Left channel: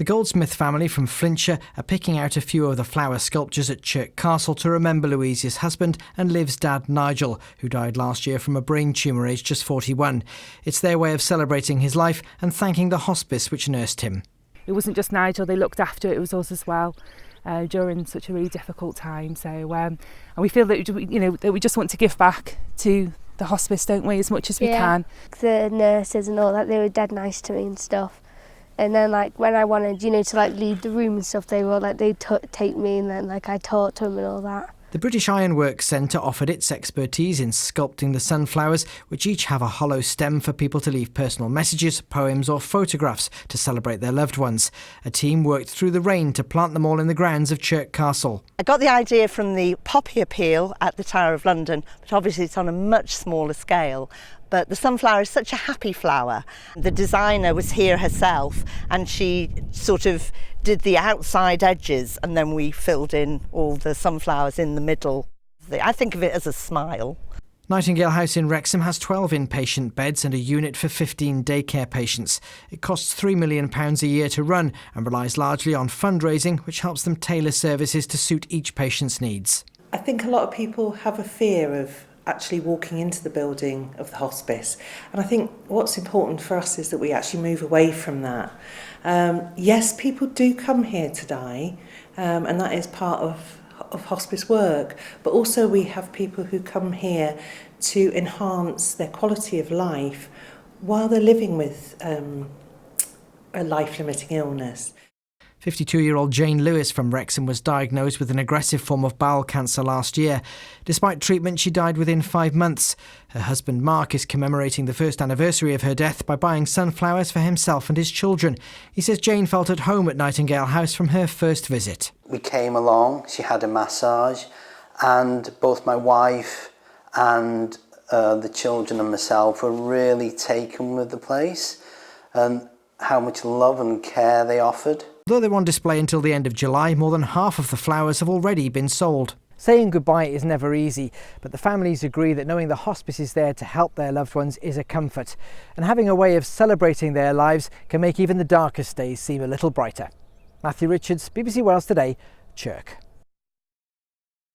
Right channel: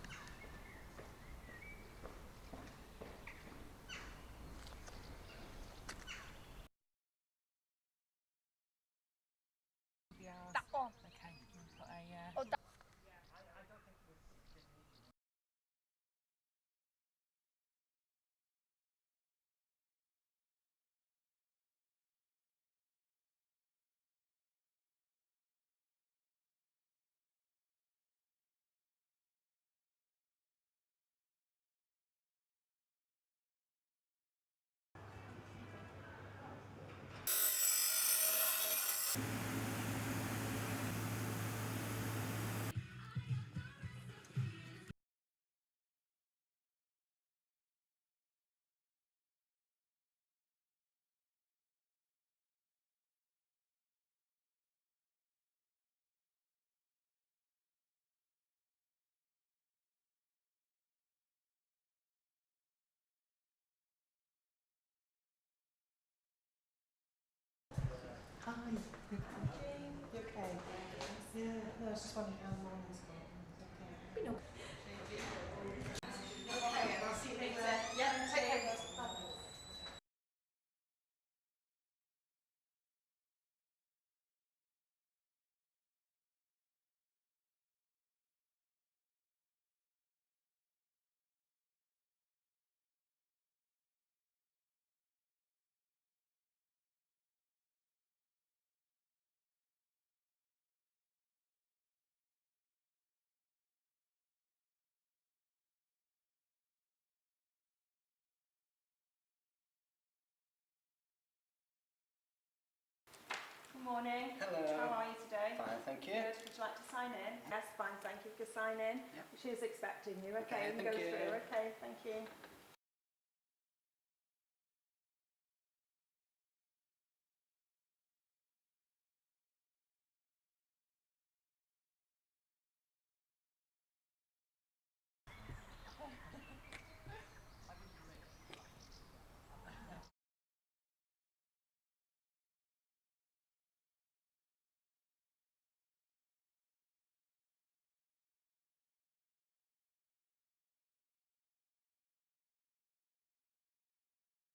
The Goldsmith family from Flintshire are picking out a few of the flower sculptures at Chirk Castle to remember Louise's husband and Liv's dad Nigel, who died last year from a brain tumour aged just 41. It's their way of celebrating his life and thanking the hospice which nursed him. It wasn't just Nigel, they looked after it, it was us as well during such a really difficult time. So and we feel that, that we just want to give back to the hospice, don't we, as much as we can. The nurses and all that, they were dead nice to me and stuff. And then when I wanted, to leave the room and stuff, they were they'd take me and then I talked to them and all that. The British Ironworks Centre offered its expertise in sculpting the sunflowers, which each have a hollow stem for people to leave personal messages, poems or photographs to celebrate their loved ones. A team worked through the rain to plant them all in the grounds of Chirk Castle. I got the idea from the poppy appeal at the Tower of London, but obviously it's on a much smaller scale. But the sunflower is such a happy flower. The designer was here herself and she sort of did the outside edges and then we filled in all the sunflowers in the middle. I think of it as a smile. Nightingale House in Wrexham has 12 inpatient beds and a unit for 15 daycare patients. It costs £3 million a year to run and relies largely on fundraising, which helps them tailor services to suit each patient's needs. I think a lot of people have a fear of actually walking into the building of the hospice, and I think what's important for us is that we actually move away from that. Yes, people do come here to die, and that is part of hospice work, but also we have people who come here to enhance their quality of life while they're living with a life-limiting illness. 52-year-old Jane Lewis from Wrexham was diagnosed with an aggressive form of bowel cancer last year. Despite treatment, she died within 5 months. Her husband Mark is commemorating the first anniversary of her death by buying sunflowers for himself and his children. He says Jane felt at home at Nightingale House from her first visit. We came along, she had a massage, and both my wife and the children and myself were really taken with the place and how much love and care they offered. Though they're on display until the end of July, more than half of the flowers have already been sold. Saying goodbye is never easy, but the families agree that knowing the hospice is there to help their loved ones is a comfort. And having a way of celebrating their lives can make even the darkest days seem a little brighter. Matthew Richards, BBC Wales Today, Chirk.